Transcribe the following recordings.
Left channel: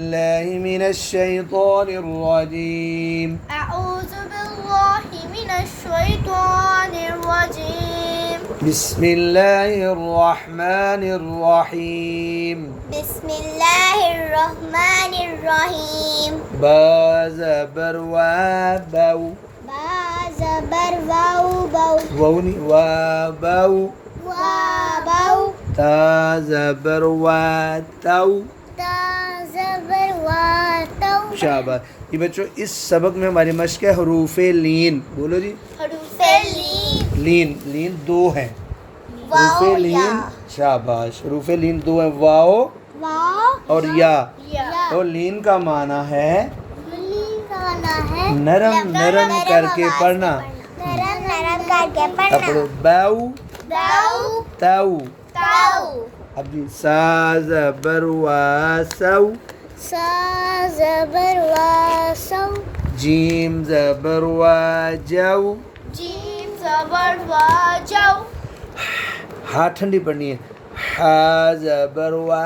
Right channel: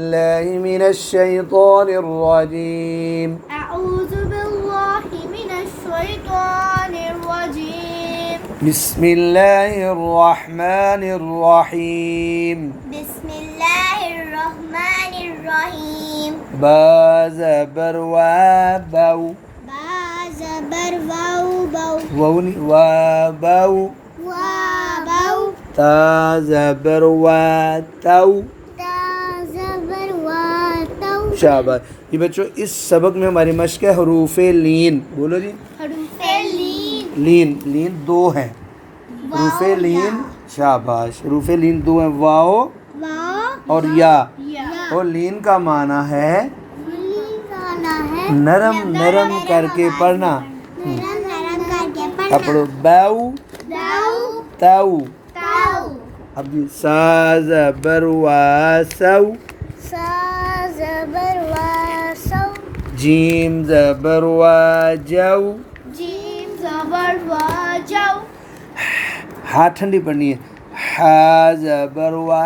الله من الشيطان الرجيم أعوذ بالله من الشيطان الرجيم بسم الله الرحمن الرحيم بسم الله الرحمن الرحيم با زبر و بو با زبر واو بو ووني و بو وابو تا زبر و تو تا زبر واتو शाबाश। ये बच्चों इस सबक में हमारी मश्क है हरूफ लीन। बोलो जी। हरूफ लीन लीन लीन दो हैं। हरूफ वाव लीन या। शाबाश। हरूफ लीन दो हैं, वाओ वाव और या। या और लीन का माना है लीन गाना है नरम नरम करके पढ़ना। नरम नरम करके अब पढ़ना पढ़ो बैउ दाऊ ताऊ। ताऊ अब जी सा ज़बर वा सौ, सा ज़बर वासौ जीम ज़बर वा जौ। जीम ज़बर वाजौ हाँ ठंडी पढ़नी है। हा ज़बर वा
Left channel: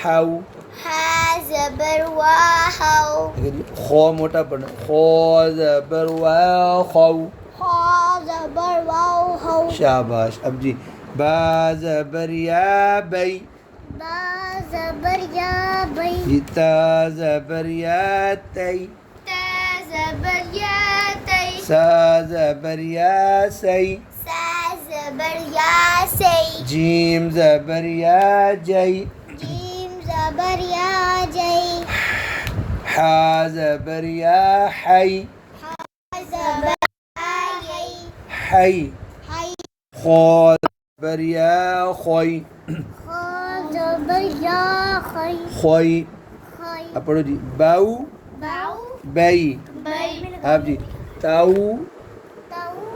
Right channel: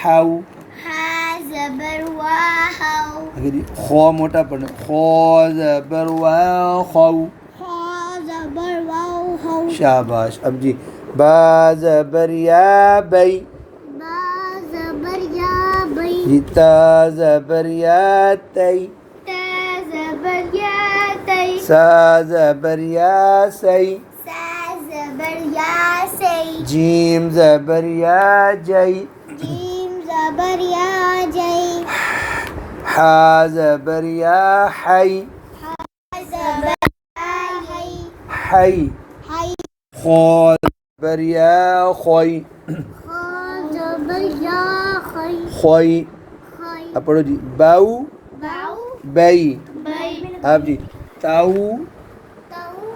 हाउ। हा ज़बर वाहौ अगर ये खो मोटा पढ़ना, खो ज़बर वा खौ। खा ज़बर वाउ हौ शाबाश। अब जी बा ज़बर या बै, बा ज़बर या बै जी ता ज़बर या तै, ता ज़बर या तै सा ज़बर या सै, सा ज़बर या सै जीम ज़बर या जै, जीम ज़बर या जै हा ज़बर या है, हा ज़बर या है है, है खो ज़बर या खोई, खा ज़बर या खै खोई। खै अब पढ़ो जी बाऊ बाउ बै। बै अब जी ताऊ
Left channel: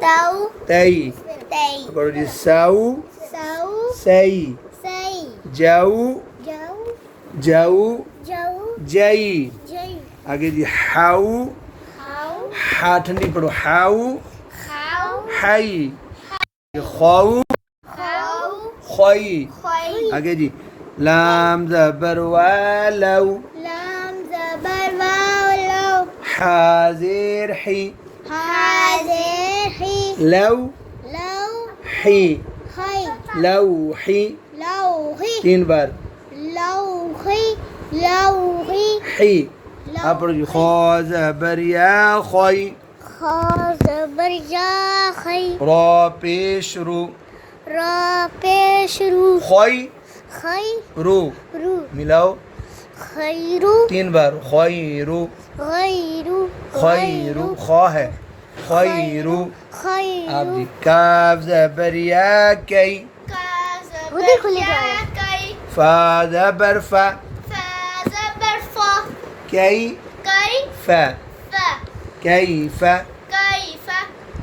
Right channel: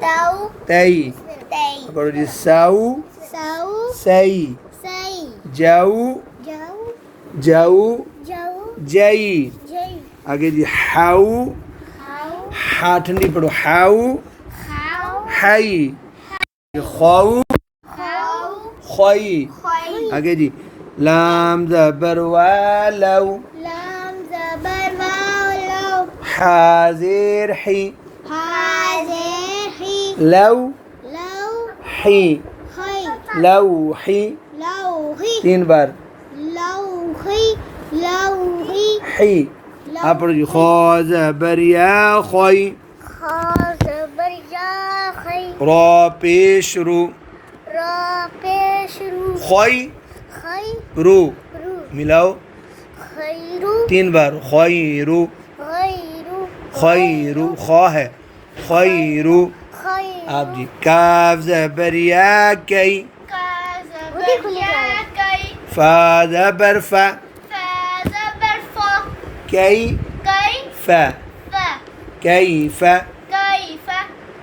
ताऊ तै। तै अब पढ़ो जी साऊ सौ सै, सै जाऊ जौ जाऊ जौ जै। जै आगे जी हाउ, हाउ हा ठंडी पढ़ो हाउ हाउ हाई। खाऊ खाउ खोई। खै आगे जी लाम ज़बर वा लौ, लाम ज़बर वाउ लौ हाजिर ही, हाज़िर ही लौ लौ ही, खै लौ ही। लौही तीन बार लौही लौही ही। आप पढ़ो जी खो ज़बर या खोई। खा ज़बर या खै रा पेश रू, रा पेश रू खोई खै रू। रू मिलाओ खैरू तीन बार खैरू गैरू खैरू। खा है खैरू। खैरू आप जी काफ ज़बर या कई, का ज़बर या कै फा ज़बर फा, फा ज़बर फा कई कै फा, फा कैफ। कैफ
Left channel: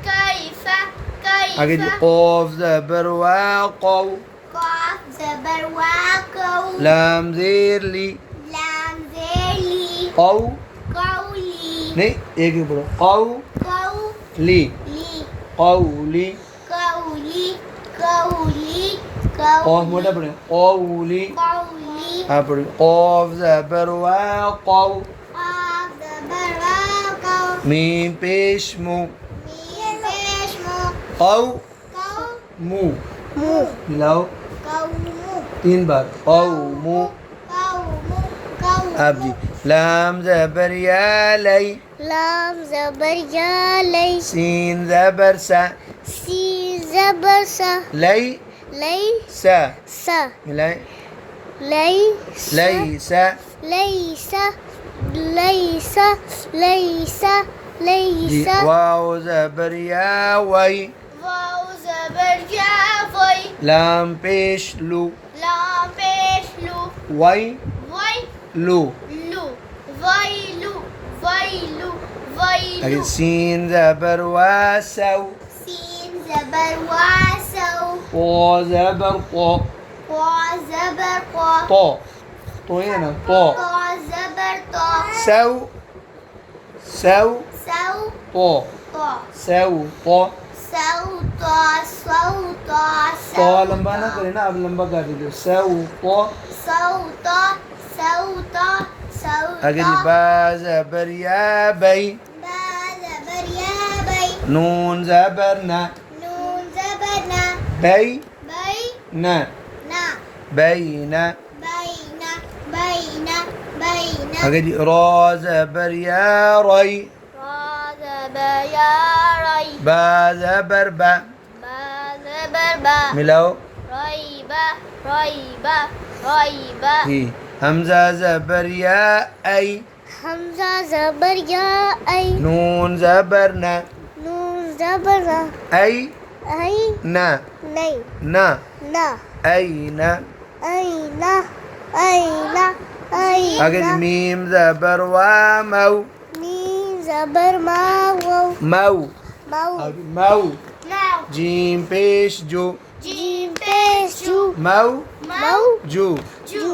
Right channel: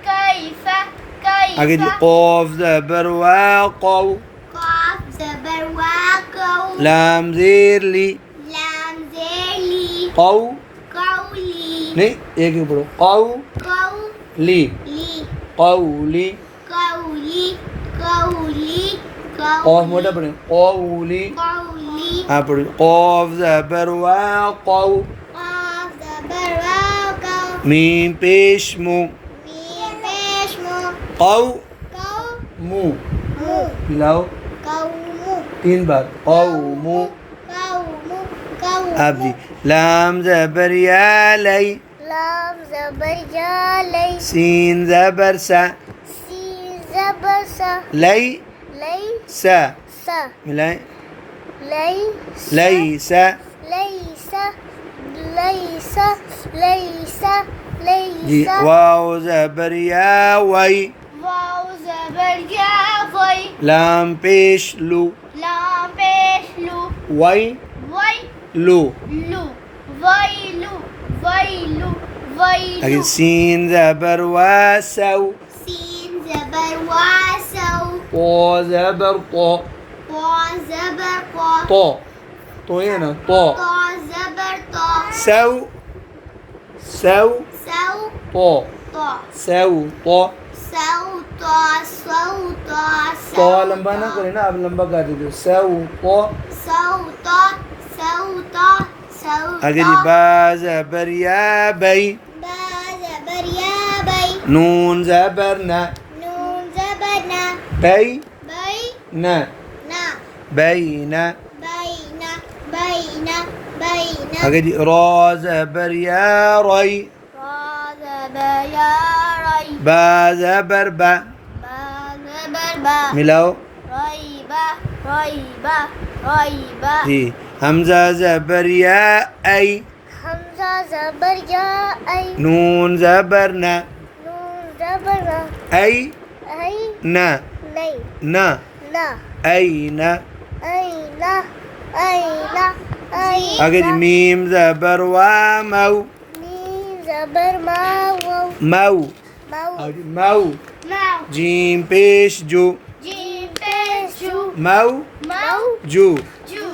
कैफ कैफ आगे जी क़ाफ ज़बर वा क़ौ, काफ ज़बर वाकौ लाम ज़ेर ली, लाम ज़ेली क़ौ कौली नहीं एक ही पढ़ो क़ौ ली, कौली क़ौली। कौली कौली क़ाफ मोटा पढ़े क़ौली। कौली हाँ पढ़ो क़ाफ ज़बर वा क़ौ, काफ ज़बर वाकौ मीम पेश मु, मीम पेश मु क़ौ कौ मु। मु मिलाओ कौमु तीन बार क़ौ मु। कौमु कौ आप जी लाम ज़बर या लै, लाम ज़बर या लै सीन ज़बर सा, सी ज़बर सा लै लै सा। सा मिलाएं लै लैसा, लैसा लैसा लैसा जी लैसा वाव ज़बर या वै, वाव ज़बर या वै लाम पेश लू, लाम पेश लू वै वै लू। लू वैलू वैलू आगे वैलू सीन ज़बर वा सौ, सीन ज़बर वासौ क़ा ज़बर क़ा, क़ा ज़बर क़ा तो तो ये ना तो क़ा ज़बर क़ा सौ सौ सौ तो क़ा सौ तो सौता सौता तो लंबा ना करे ना, अब लंबा कर दीजिए सौ तो सौता सौता सौ आगे जी बा ज़बर या बई बा ज़बर या बई नून ज़बर ना नून ज़बर ना बई बई ना ना बैना बैना बैना बैना आगे जी रा ज़बर या रई रा ज़बर या रई बा ज़बर बा बा ज़बर बा मिलाओ रईबा रईबा रईबा जी हमज़ा ज़बर या आई हमज़ा ज़बर या आई नून ज़बर ना नून ज़बर ना आई आई ना नहीं ना ना आई ना आईना आईना आईना आगे जी मीम ज़बर वा मऊ मीम ज़बर मा वो मऊ माऊ आगे मऊ माऊ जीम पेश जो जीम पेश जू मऊ माऊ जो जू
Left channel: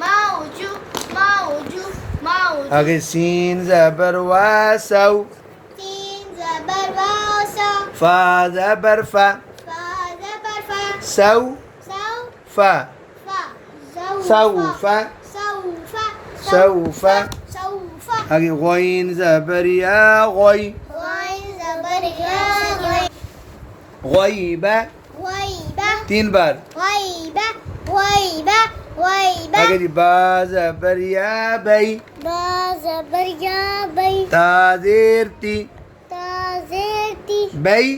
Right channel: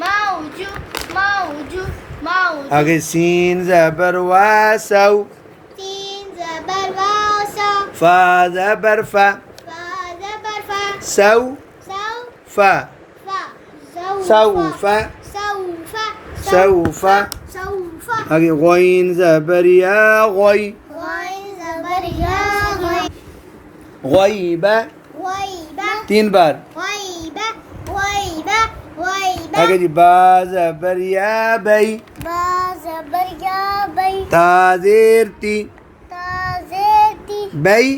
माऊ जू आगे सीन ज़बर वा सऊ तीन ज़बर वासा फा ज़बर फा फा ज़बर फा सऊ सौ फा फा सऊफा सौफा सऊफा सौफा आगे गॉइन ज़बर या गॉई गॉइन ज़बर या गॉइन गॉइबा गॉइबा 3 बार गॉइबा गॉइबा गॉइबा आगे जी बा ज़बर या बई बा ज़बर या बई ता ज़ेर ती ताज़ेती बई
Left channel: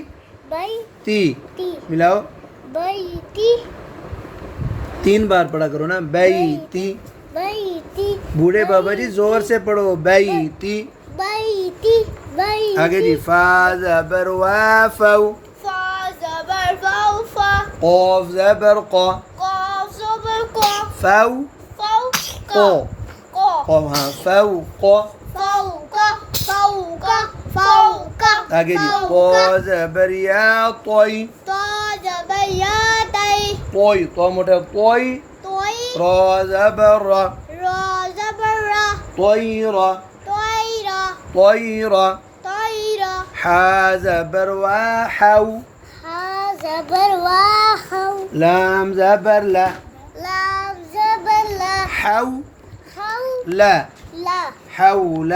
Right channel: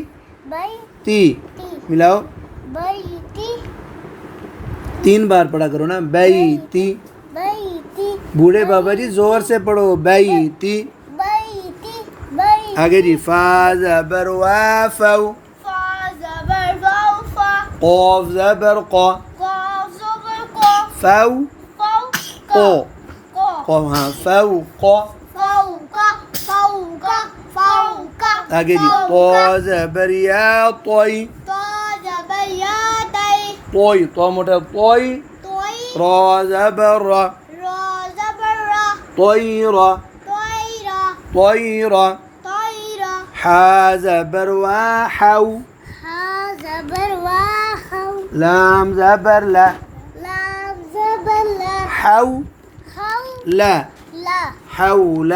बई ती ती मिलाओ बई ती 3 बार पढ़ा करो ना बई ती बई ती बूढ़े बाबा जी जोर से पढ़ो बई ती बई ती बई आगे जी फा ज़बर वा फऊ फा ज़बर वाफ़ा क़ाफ ज़बर क़ा क़ाफ ज़बर क़ा फऊ फ़ाउ क़ा क़ा क़ा हाँ फऊ क़ा फ़ाउका फ़ाउका फ़ाउका आगे जी क़ा ज़बर या तोई तो ज़बर या तई तोई तो मोटा तोई तोई रा ज़बर रा रा ज़बर रा طيرة तोईरा طيرة तोईरा حا زبر وحو हा ज़बर वाहौ لام زبر لا लाम ज़बर ला حو हौ لا ला حول